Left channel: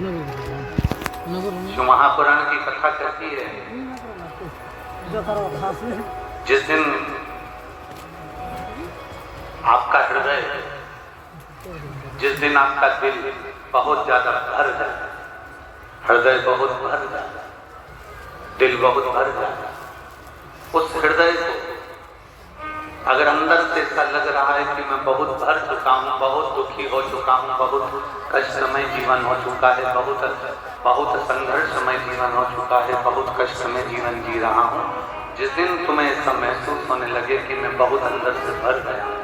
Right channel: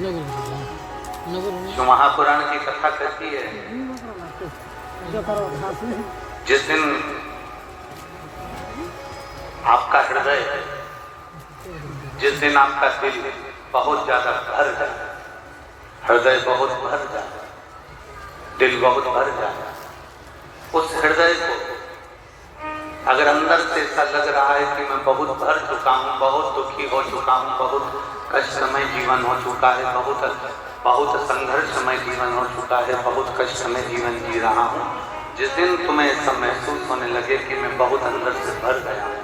जो महापुराण की कथा करती है, जिस दिन आपका हृदय, जिस दिन आपका दिल बहुत ज्यादा भर जाए, हृदय बहुत भर जाए, दिल बहुत भर जाए, उस हृदय को अगर अंदर से ऐसा लग रहा है कि मैं बहुत भर चुका हूँ, बहुत दुखी हो चुका हूँ, बहुत कष्टमय जीवन हो चुका है, बहुत संघर्षमय जीवन हो चुका है, बहुत कष्टमय जीवन जी रहा हूँ, जिस दिन तुम्हें ऐसा महसूस होने लगे कि मैं बहुत अंदर से भर गया हूँ,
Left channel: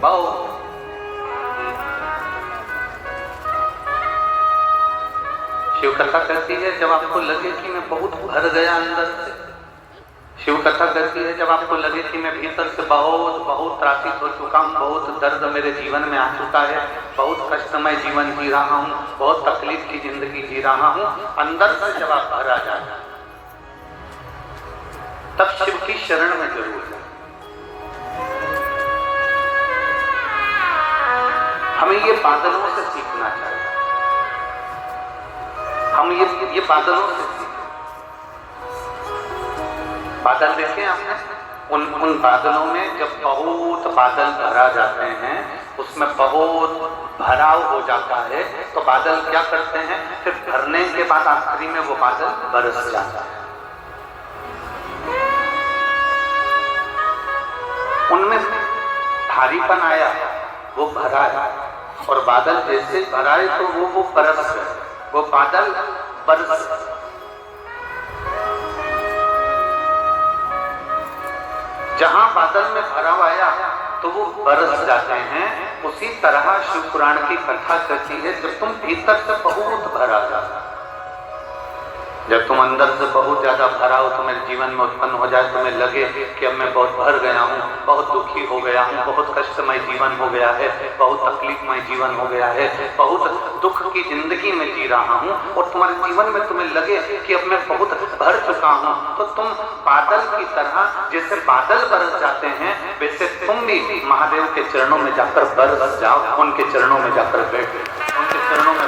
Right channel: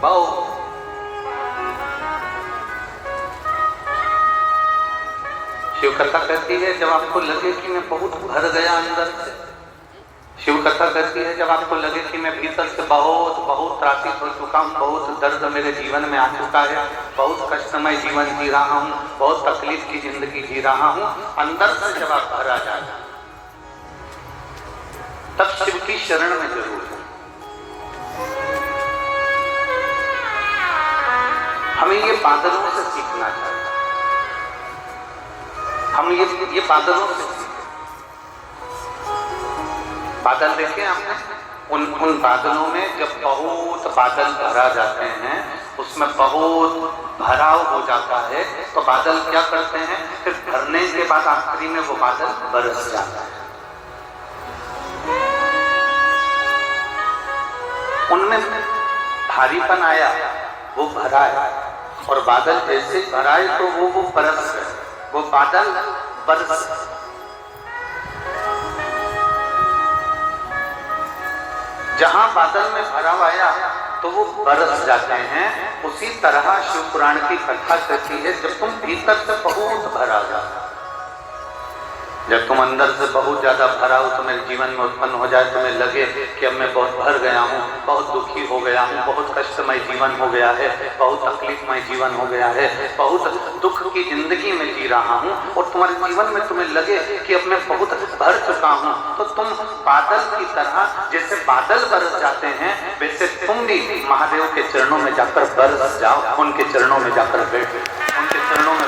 बहुत शिव कथा कहती है, जब आपको लगे कि मैं बहुत भर गया अंदर से, शिव कथा कहती है जब आपको लगे कि मैं भीतर से बहुत त्रासित हो चुका हूँ, बहुत दर्द मेरे जीवन में आ चुका है, बहुत कष्टमय जीवन जी रहा हूँ, बहुत तकलीफ की जिंदगी जी रहा हूँ, अंदर से जब आप भरा जाए तब शिव की शरण में जरूर है। हमें ये बादलों से सीखना चाहिए, हम ये बादलों से सीखें। बादल देखे आपने, उन बादलों में जब बहुत बादल भरा जाते हैं, उसमें बहुत भराव हो जाता है, तो बादल क्या करते हैं, फिर भरने के बाद आखिरी में वो बादल बरस जाता है। उनमें भारीपन आया, वो भरा है, और बादल जैसे भराए तो वो बरस गए, वो बादल बरस। जहां बादल में भराव आया तो वो बरस जाते हैं। उसी तरह शिव पुराण की कथा कहती है, जब तुम भीतर से बहुत भरा जाता, जब तुम अंदर से बहुत ज्यादा भरा हो, तुम्हें जीवन में उत्पन्न हो जाए, तुम्हें लगे कि अब मैं बहुत भर गया हूँ, बहुत दुखी हो गया हूँ, बहुत कष्टमय जीवन हो गया है, बहुत तकलीफमय जीवन हो गया है, बहुत दुख की जिंदगी में जी रहा हूँ, और तुम्हारे जीवन में तुम्हें लगे कि अब मैं बहुत भर चुका हूँ, तो तुम बादल की तरह, जैसे बादल बरस जाते हैं, वैसे तुम भी महादेव के चरणों में जाकर बरस जाओ, उनके चरणों में जाकर बैठ, उनके चरणों में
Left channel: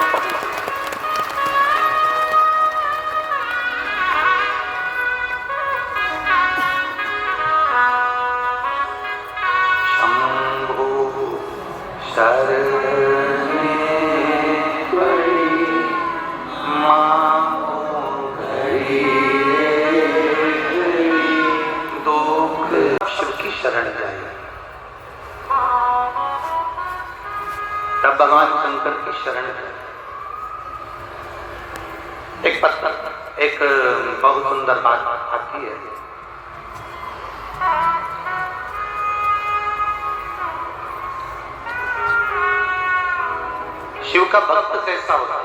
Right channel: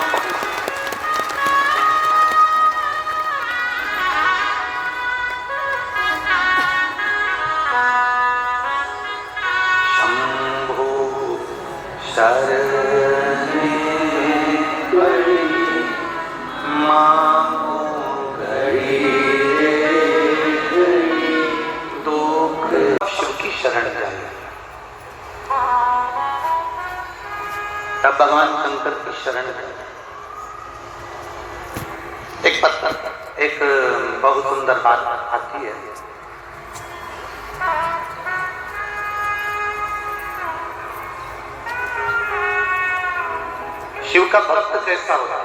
भगवान शंकर की शरण है। एक बहुत सुंदर बात आती है, शिव का भक्त कैसा होगा।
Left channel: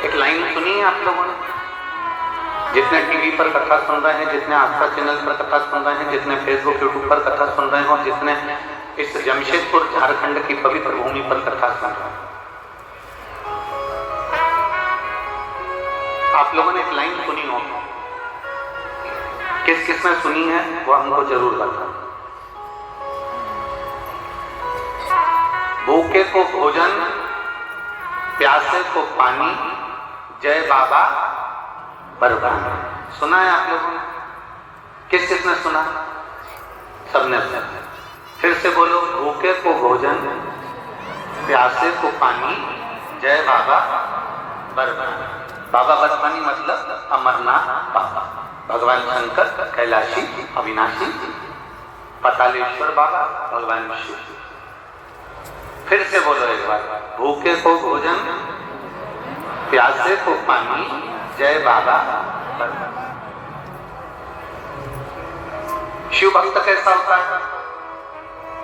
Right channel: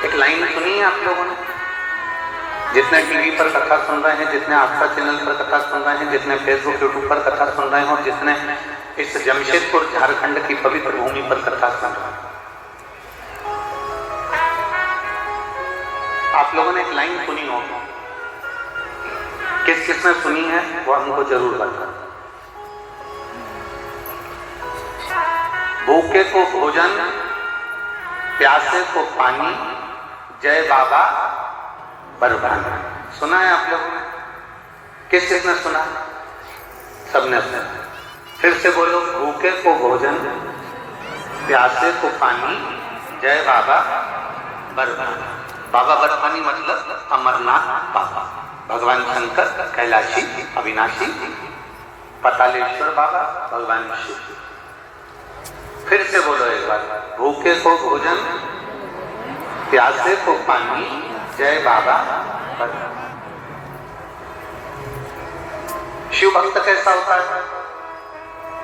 एक लाइन सुनी है आप लोगों ने, जितने टीवी पर कथा सुन रहे हैं, जितने आस्था चैनल पर कथा सुन रहे हैं, जितने फेसबुक यूट्यूब पर कथा सुन रहे हैं, और जितने इस जमशेदपुर झारखंड की पवित्र भूमि पर कथा सुन रहे हैं, आप लोगों ने एक लाइन सुनी होगी, किस किस ने सुनी है वो हमको जरूर बताएं। भूखे को भोजन, प्यासे को पानी, जय बाबा वरदान। सुना है आप लोगों ने? किस किसने सुना? सबने सुना। फिर से बोलो, भूखे को भोजन, प्यासे को पानी, जय बाबा वरदान। बाबा वरदानी मतलब अमरनाथ बाबा, भगवान शंकर कैलाशी अविनाशी, पतालेश्वर बाबा भगवान शिव। फिर से बोलो एक बार, भूखे को भोजन, प्यासे को पानी, जय बाबा। शिव भक्त कैसा होता है?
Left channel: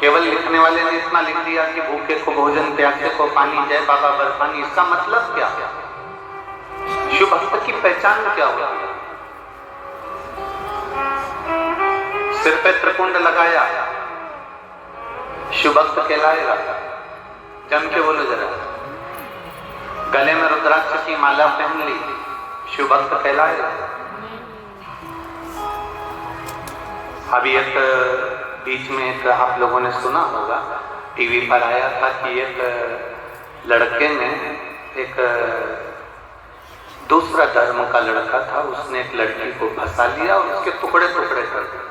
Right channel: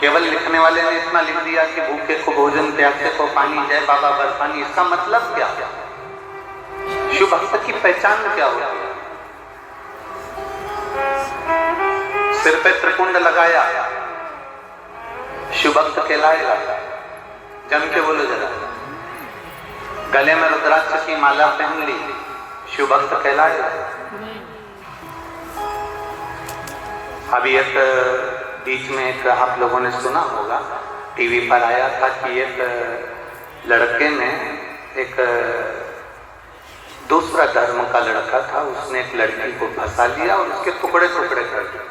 केवल लिखने वाले ने इतना लिख दिया कि भूखे को भोजन, प्यासे को पानी, जय बाबा बर्फानी, इसका मतलब क्या? शिव भक्त की पहचान क्या होती है? सिर पे त्रिपुंड लगाया, शिव भक्त कहलाएगा। जम के बोलो जरा। गले में रुद्राक्ष की माला पहन ली, शिव भक्त कहलाएगा। अभी एक बीच में एक आप लोगों ने सुना होगा, टीवी पर आया था कि एक लड़के ने, एक दूसरा धर्म का लड़का था, उसने एक लड़की को फंसा लिया और उसके टुकड़े टुकड़े कर दिए।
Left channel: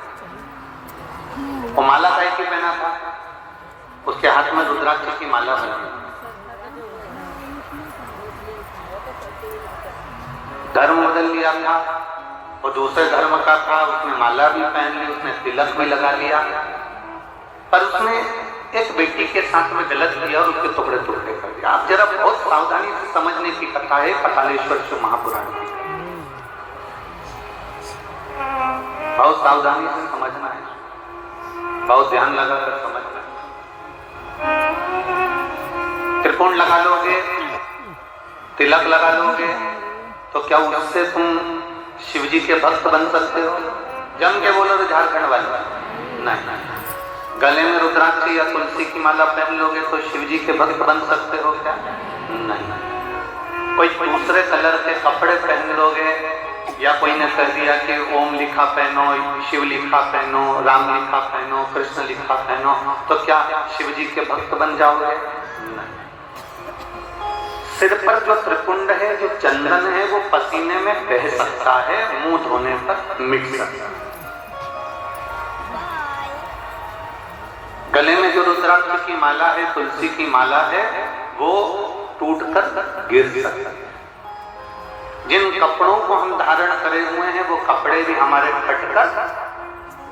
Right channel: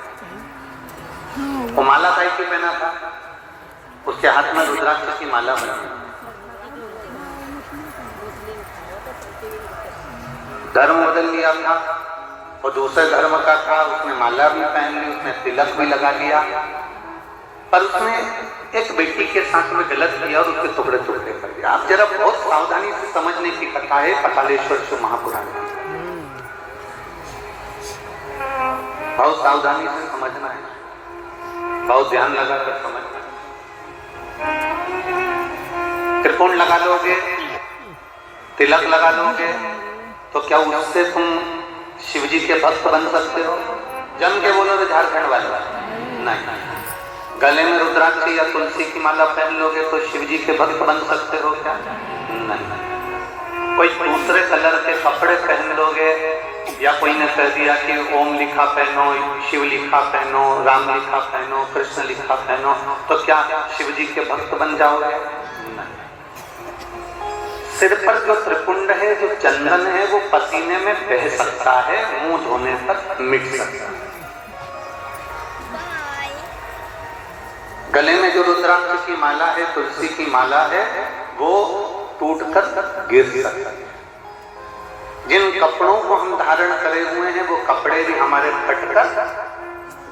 वो माला भाई की पहना था, उसके हाथ में रुद्राक्ष की माला बनी। धर्म बदल लिया था, और दूसरे धर्म का था, उसने माला भी पहन ली, उसने तिलक भी लगा लिया, पर उसने एक बेटी के साथ में गलत किया और उसके टुकड़े टुकड़े कर दिया। आप जरा बहुत सावधानी से समझने की कथा है कपालेश्वर शिव महापुराण की, बहुत सावधानी से समझना है, बहुत ध्यान लगा कर समझना है। त्रिकोण लगा लोगे, तिलक लगा लोगे, तो क्या उससे तुम शिव जी के भक्त बन सकते हो? जम के बोलो तो झारखंड वाले नहीं। गले में रुद्राक्ष या तुलसी की माला पहन लोगे तो शिव जी के भक्त बन सकते हो क्या? नहीं। कोई दूसरे कलर के कपड़े पहन लोगे, या कोई ने कह दिया कि ओम लिखा पहनो, शिव लिखा पहनो, राम लिखा पहनो, कृष्ण लिखा पहनो, तो क्या शिव जी के भक्त बन जाओगे? सिर पर जो त्रिपुंड है, जो चंदन है, वो पसीने में बह सकता है, मुंह धोने पर मिट सकता है। गले में जो रुद्राक्ष की माला है, तुलसी की माला है, वो टूटकर गिर सकता है। जिन कपड़ों को हम धारण करे हुए हैं, वो कपड़े भी हमारे फटकर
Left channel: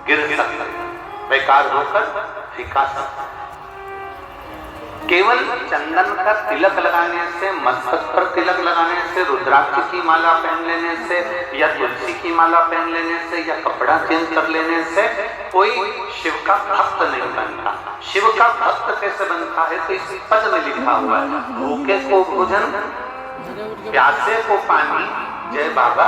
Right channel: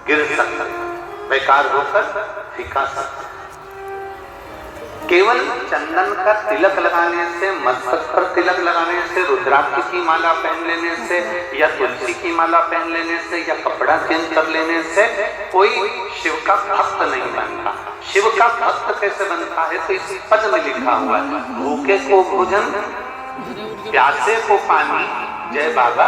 गिर सकते हैं, बेकार होकर फीका सकते हैं। केवल चंदन का तिलक लगाने से, मस्तक पर तिलक लगाने से, रुद्राक्ष की माला पहन लेने से, या तुलसी की माला पहन लेने से, या कपड़ा चेंज कर लेने से कोई शिव का भक्त नहीं बनता। शिव का भक्त कैसे बनता है? तो इस पद में लिखा हुआ है, भूखे को भोजन, प्यासे को पानी, जय बाबा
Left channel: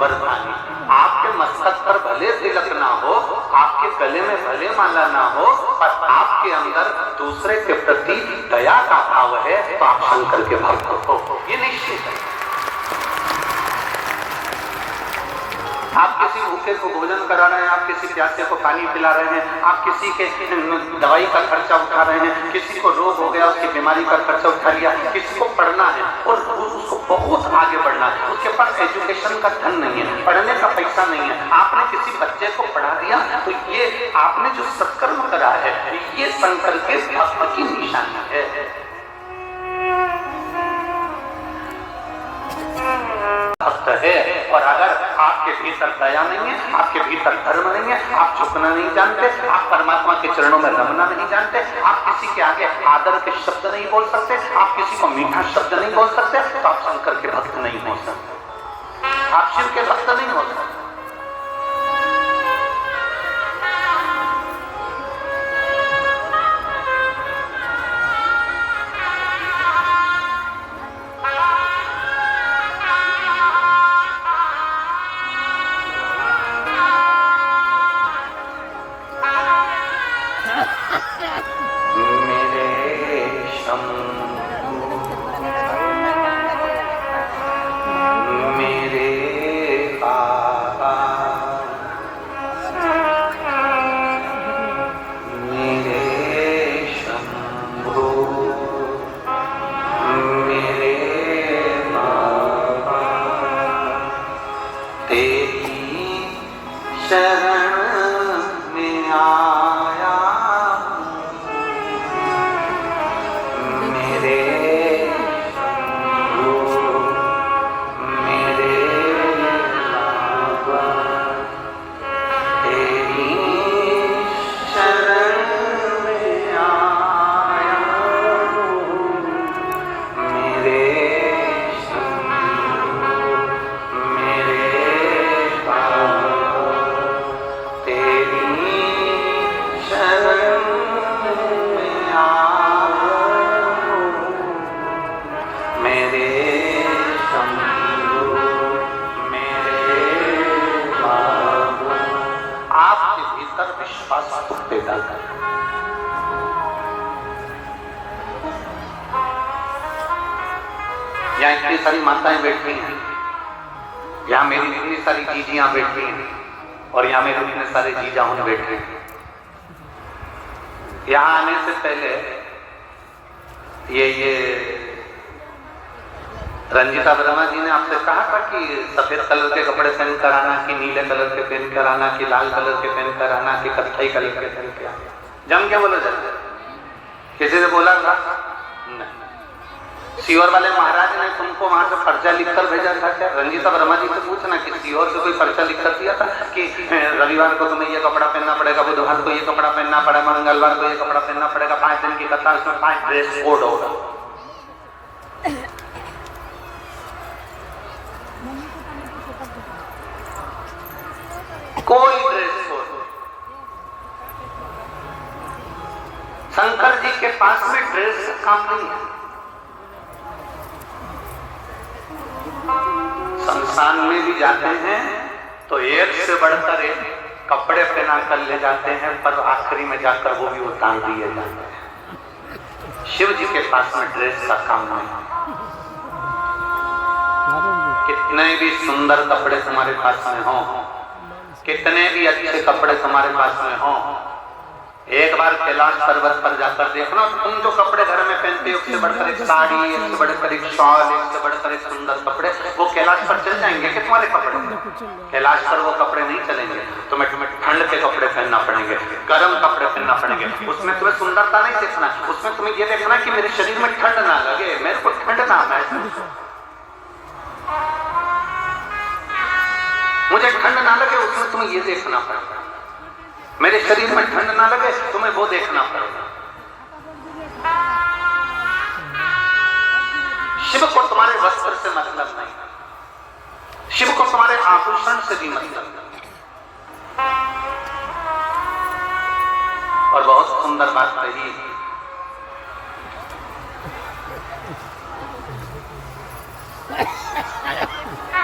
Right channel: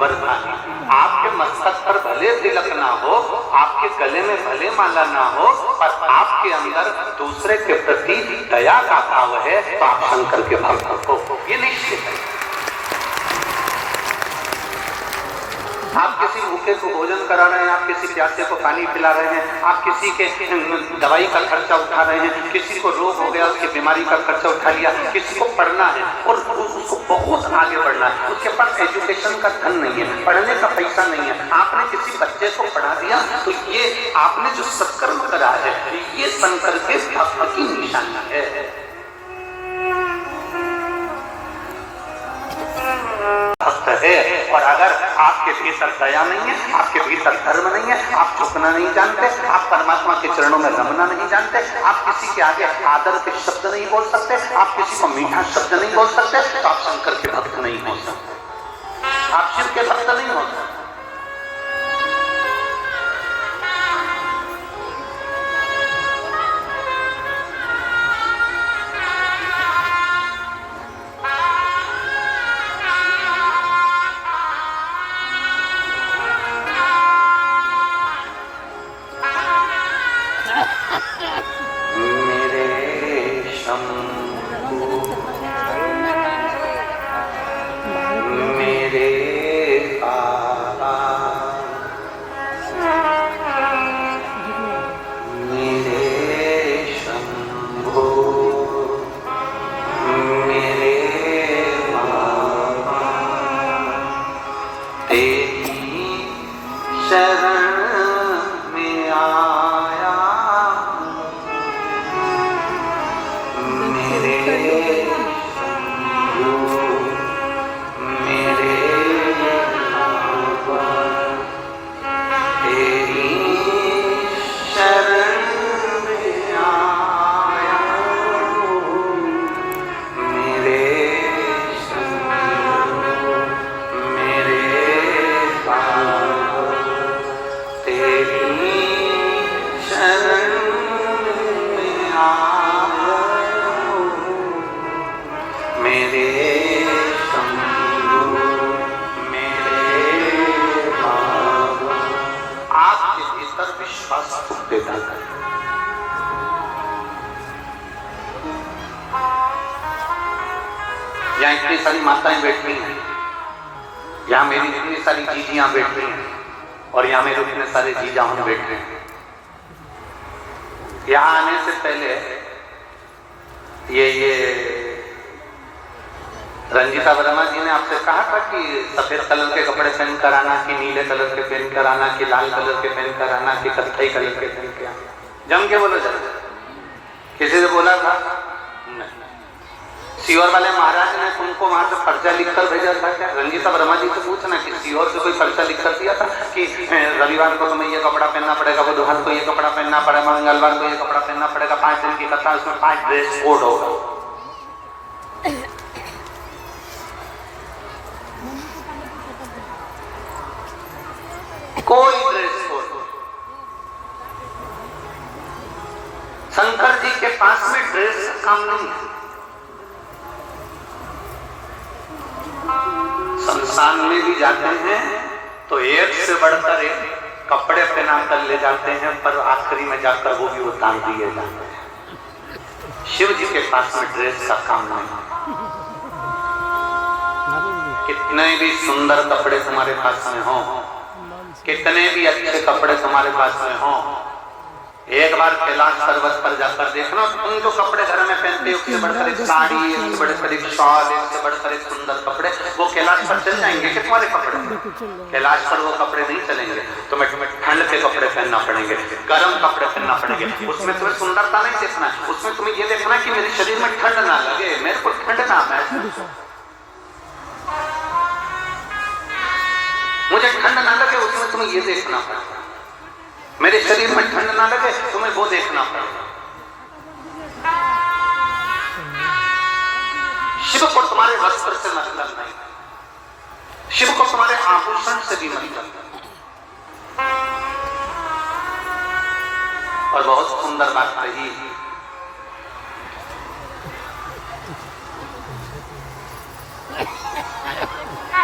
बरसानी। आपके मस्तक पर भले तिलक ना हो, आपके गले में भले माला ना हो, पर आपके अंदर दूसरे के प्रति दया का भाव है, तो आप शंकर के भक्त हो, ये निश्चित है। आप किसी भूखे को भोजन करा रहे हैं, आप किसी प्यासे को पानी पिला रहे हैं, आप किसी के दवाई का खर्चा उठा रहे हैं, किसी को रोग हो गया उसकी बीमारी का खर्चा उठा लिया, किसी को पढ़ना है और उसको बहुत आगे बढ़ना है, उसके पास एजुकेशन का धन नहीं है, पढ़ने का पैसा नहीं है, आपने किसी बच्चे को पढ़ा दिया, तो ये आपने जो सत्कर्म करा है, ये शंकर के भक्त की निशानी है। है, और अगर आपके भीतर दया नहीं है, आपके भीतर धर्म नहीं है, आप झुकना नहीं जानते, आप परमात्मा के चरणों में रमना नहीं जानते, आप किसी के आगे आदर के शब्द नहीं बोल सकते, आप किसी को मीठा शब्द नहीं बोल सकते, तो आप शंकर के भक्त नहीं हो सकते, आप शिव के भक्त नहीं हो सकते। यहाँ इतनी सारी माताएं बैठी हैं, यहाँ मेरी इतनी सारी जीजियां बैठी हैं, और यहाँ मेरे इतने सारे जीजा हम बैठे हैं। यहाँ आने से पहले ये रंजीता वर्मा जी ने आपसे कहा था कि सफेद कलर के कपड़े पहन कर आना, कि नीले कलर के पहन कर आना, कि लाल कलर के पहन कर आना, कि कत्थई कलर के पहन के आना? जम के बोले जाए, किसी ने बोला था? नहीं। सीहोर वाले महाराज ने तुमको वहां से पर्चा लिखकर भेजा था क्या? रंजीता वर्मा जी से पूछना कि सीहोर से कोई पर्चा लिखकर दिया था कि रविवार को तुम्हें ये कपड़ा पहनना पड़ेगा, बुधवार को ये कपड़ा पहनना पड़ेगा, मंगलवार को ये कपड़ा पहनना पड़ेगा, 5 दिन की कथा, उसमें 5 ड्रेस कोड होगा। कोई ड्रेस कोड। शंकर जी के पास में ड्रेस का काम नहीं है। शमशान में भी जाते हैं तो एक से बढ़कर एक कपड़े पहना कर ले जाते हैं, पर आखिरी में जाकर वो भी उतार दिए जाते हैं। शिव जी के पास में ड्रेस का काम नहीं है। कितने भी सुंदर कपड़े तुम्हारे पास में हो, कितने भी अच्छे कपड़े तुम्हारे पास में हो, एक बार कैलाश पर्वत पर जाकर देखना, तुम जो कपड़े घर में पहनते हो, उससे बढ़कर एक साड़ी, इससे बढ़कर एक शॉल, इससे बढ़कर एक सुंदर कपड़े, वो कैलाश पर चल जाएंगे कि तुम्हारे कपड़े? कैलाश पर वो कपड़े नहीं चलेंगे। तुम्हें ठंड के कपड़े पहनना पड़ेंगे, गर्म कपड़े पहनना पड़ेंगे। उसमें तुम्हें सुंदरता नहीं देखना, उसमें तुम्हें ये देखना कि मेरे शरीर में ठंड ना लगे, मेरे को ठंड ना आए, मुझे ठंड ना लगे, उसमें तुम्हें ये देखना पड़ेगा। मेरे शरीर में ठंड ना लगे, तुम्हें वो देखना पड़ेगा। शिव को तुम्हारे वस्त्र से मतलब नहीं, शिव को तुम्हारे आभूषण से भी मतलब नहीं। और बहुत सुंदर बात रही,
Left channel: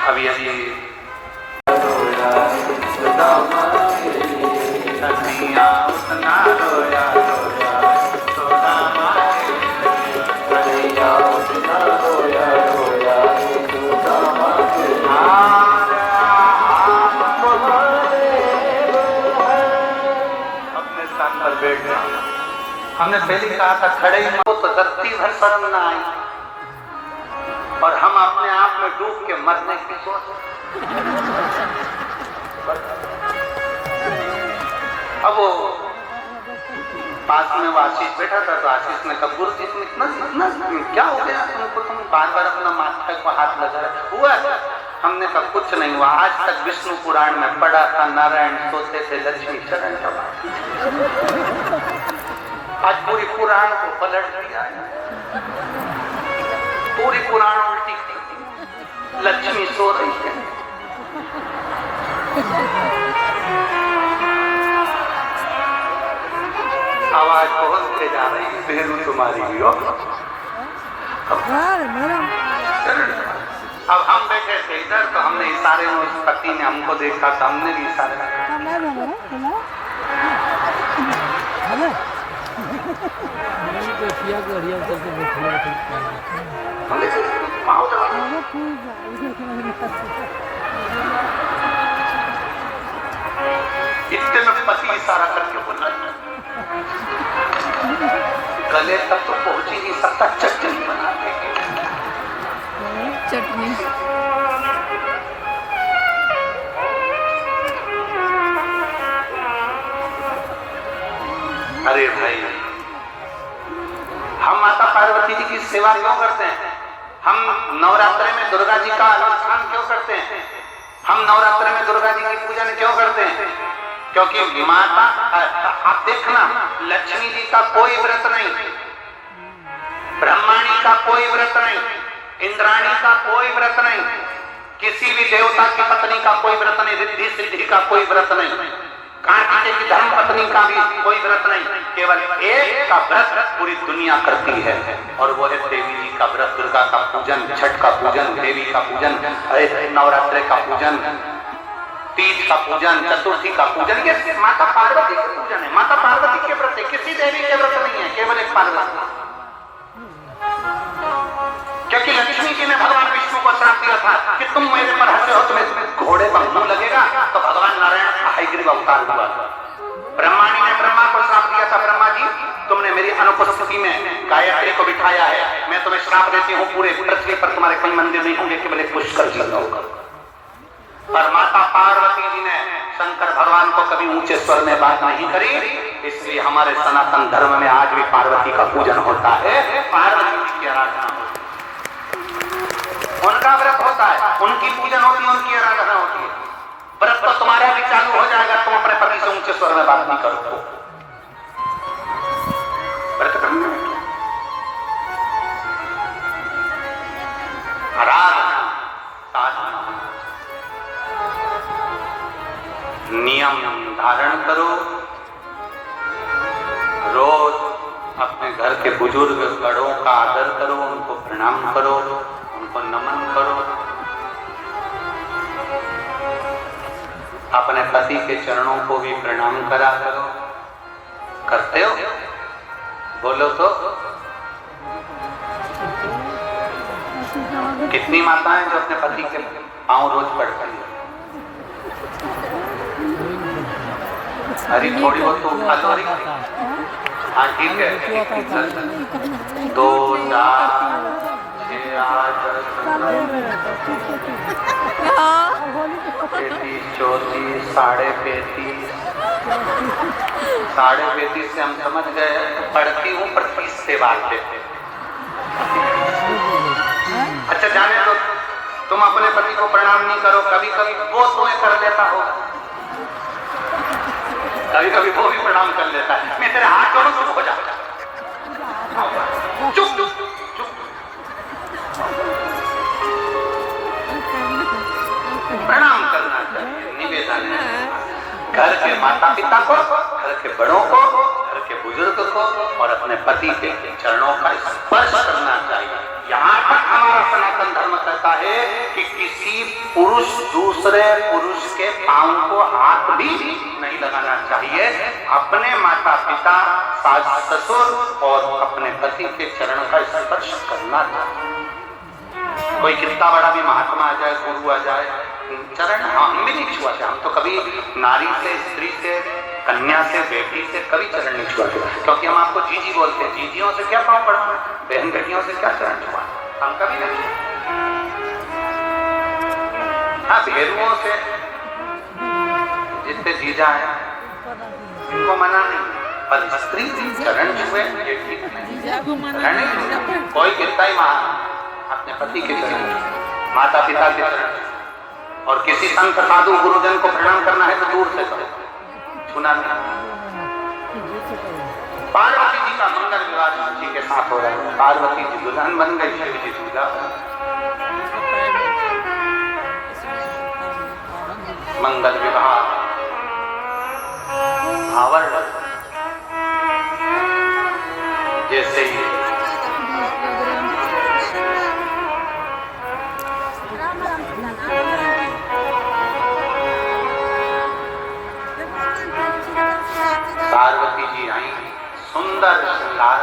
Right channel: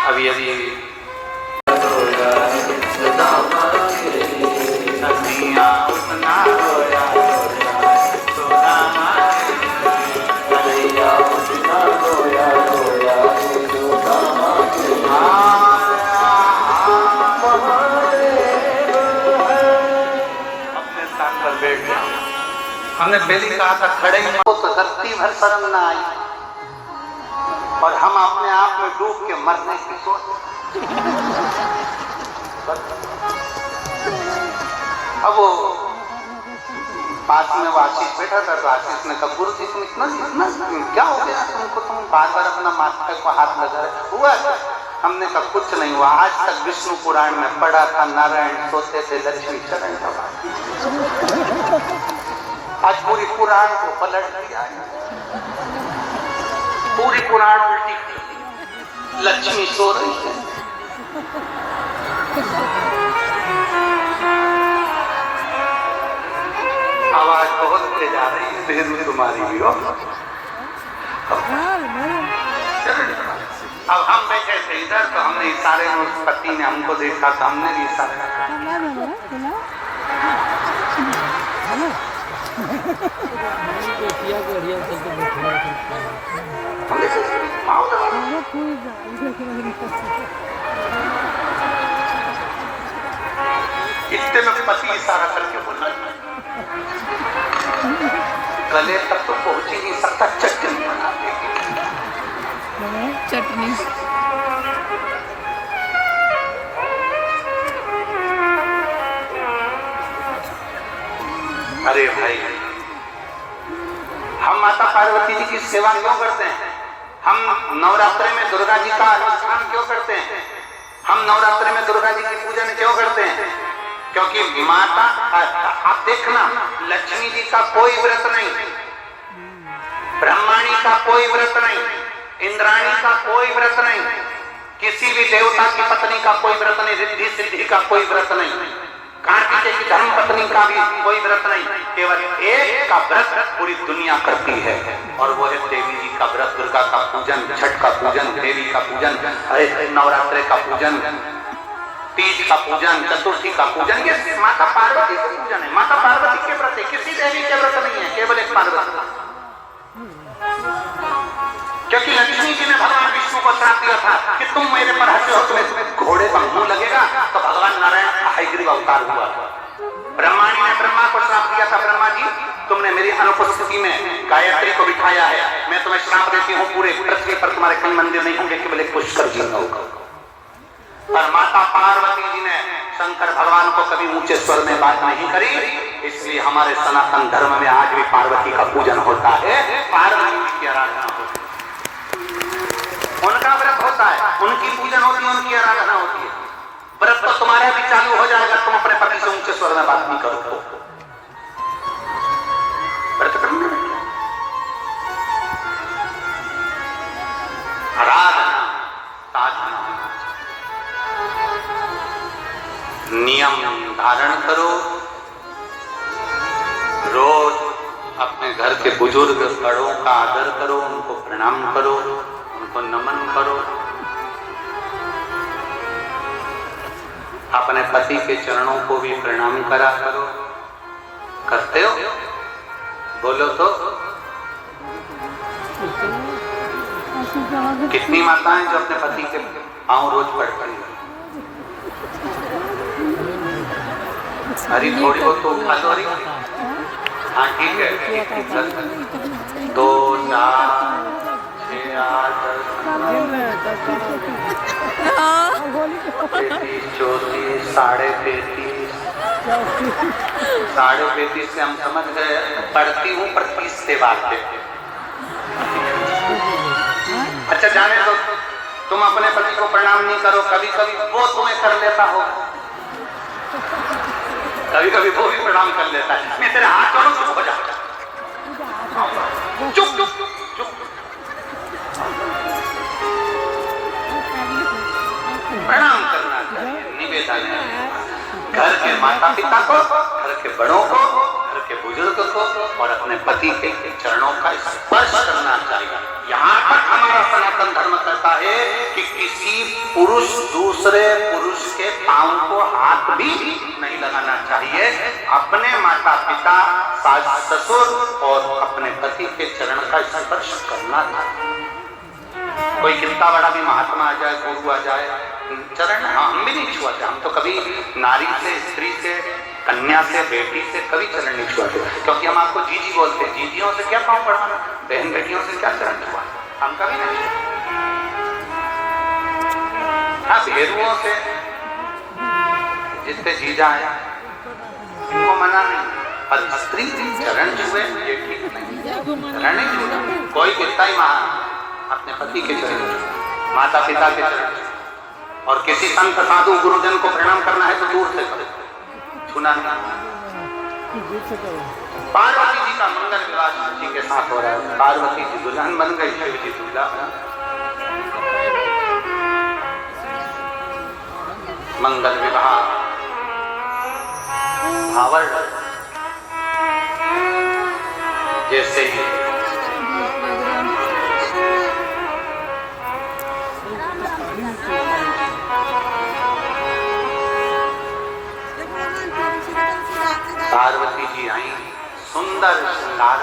अभी हमने पहले कहा था खड़े हो तो धरती भर शर्म न आई, और हम अपने आप में डूब के मरने की सोच। अब वो पास में वो आशीष बैठा था, तो आशीष ने कहा, गुरु जी तुम इतना क्या हो गया तुमको, तुम बार बार अपना माथा को हाथ लगा रहे हुआ? हमने कहा कुछ नहीं हुआ, आज तक विष्णु पुराण में पढ़ा था, नारायण सोते थे, लक्ष्मी शरण पड़ा। आज पूरी पुराण को पलट दिया, पूरी पुराण उल्टी कर दी, लक्ष्मी सो रही है। आवाज बहुत तेज आ रही है, तेज तुम्हारी भी हो। अब हम बैठे थे इधर, तो हमने इशारे में, उस पति ने हमको देखा था, हमने भी इशारे इतने में पति इशारा करके बोला, गले तक तो पहुंच ही नहीं सकता, चटनी अरे भाई, हम माता पार्वती जी की सेवा क्यों करते हैं? हम नवरात्रि में दुर्गा जी का अनुष्ठान क्यों करते हैं? हम नवरात्रि में दुर्गा जी की पूजन क्यों करते हैं? क्योंकि माता, आप देखना, लक्ष्मी जी का कोई व्रत नहीं, ब्रह्माणी का कोई व्रत नहीं, इंद्राणी का कोई व्रत नहीं, किसी भी देवता की पत्नी का कोई व्रत नहीं, रिद्धि सिद्धि का कोई व्रत नहीं, कार्तिकेय की धर्म पत्नी का भी कोई व्रत नहीं, केवल एक का व्रत पूरी दुनिया करती है, और वो है देवी जी का व्रत, दुर्गा का पूजन, छठ का पूजन, देवी का पूजन, नवरात्रि का पूजन, तीज का पूजन, चतुर्थी का पूजन, ये माता पार्वती का पूजन है। माता पार्वती के व्रत है, किसी देवी के व्रत नहीं है, केवल एक पार्वती। क्योंकि लक्ष्मी जी ने भगवान विष्णु को श्राप दिया था कि तुम मेरे पर हंसो, तुम्हें घोड़े का मुंह लगेगा, तो भगवान नारायण हयग्रीव अवतार हुआ। ब्रह्माणी ने ब्रह्मा को श्राप दिया था, ब्रह्मा जी तुमने मेरी अनुपस्थिति में गायत्री को बिठाया है, मैं तुम्हें श्राप देती हूँ, पूरे पृथ्वी पर तुम्हारे कहीं मंदिर नहीं होंगे, केवल पुष्कर जी होगा। और माता पार्वती जी ने शंकर भगवान को कभी ऊंचे स्वर में बात नहीं करी, इसलिए हमारे सनातन धर्म में आज भी पार्वती का पूजन होता है, पार्वती जी की आराधना होती है, उनका व्रत होता है, उनकी पूजन होती है, उनकी आराधना होती है। व्रत तो तुम्हारा भी चालू हो जाएगा, तुम अपने पति से ऊंचे स्वर में बात नहीं करो तो व्रत करने में आराधना साधना नियम धारण करो। रोज अपने घर के बुजुर्ग बड़ों का आदर करो, उनको प्रणाम करो, उनको नमन करो। अपने पति के चरणों को भी प्रणाम करा करो। करते हो? बोलो तो। कितनी माताएं जो अपने पति के पांव रोज पड़ती हैं? अरे थोड़ी बहुत तो उठा लो। हाँ ठीक है, 2 4 6 8 34 साढ़े 35 से हम समझ गए, पढ़ती हूँ पर 30 से बात देते। अच्छा जाने तो तुम अपने पति को प्रणाम नहीं करो, कभी कभी वो तुम्हें कर देता हो, कभी कभी वो भी प्रणाम कर लेता है, मैं तेरे हाथ जोड़ूं चुप हो जा, चुप चुप चुप। प्रणाम करना चाहिए, निवेदन है घर के माता पिता को, घर के बड़ों को, घर के बुजुर्ग को और अपने पति के चरणों का स्पर्श करना चाहिए। यहाँ तक हमारा सनातन धर्म कहता है कि किसी पुरुष दूसरे पुरुष के पांव को हाथ भी नहीं लगाना चाहिए। अपने माता पिता, सास ससुर और अपने पति के चरण का स्पर्श करना चाहिए। कोई कितना बड़ा भी महात्मा आ जाए, गुरु आ जाए, चरण हम भी नहीं छुआते। हम तो कभी नारी से, स्त्री से, कन्या से, बेटी से कभी चरण नहीं छुआते, क्योंकि हम आपको जीजी बोलते हैं। जीजियों से क्या पाँव पड़ना, बहन बेटियों से क्या चरण छुआ, हम कभी नहीं। हाँ भेदुओं से जिससे जीजा है इनको मना नहीं, पर स्त्री चरण छुए ये ठीक नहीं। कोई कितना ही महान अपने पति के चरण, माता पिता के चरण, और किसी संत साधु गुरुजन को प्रणाम करना है तो दूर से करो, सुना नहीं। पार्वती जी का मंगल विवाह शिव जी के साथ हो रहा है, पार्वती जी दुल्हन बन गई, शिव जी दूल्हा बन। मंगल विवाह भावर जैसे पार्वती जी आई, सुंदर श्रृंगार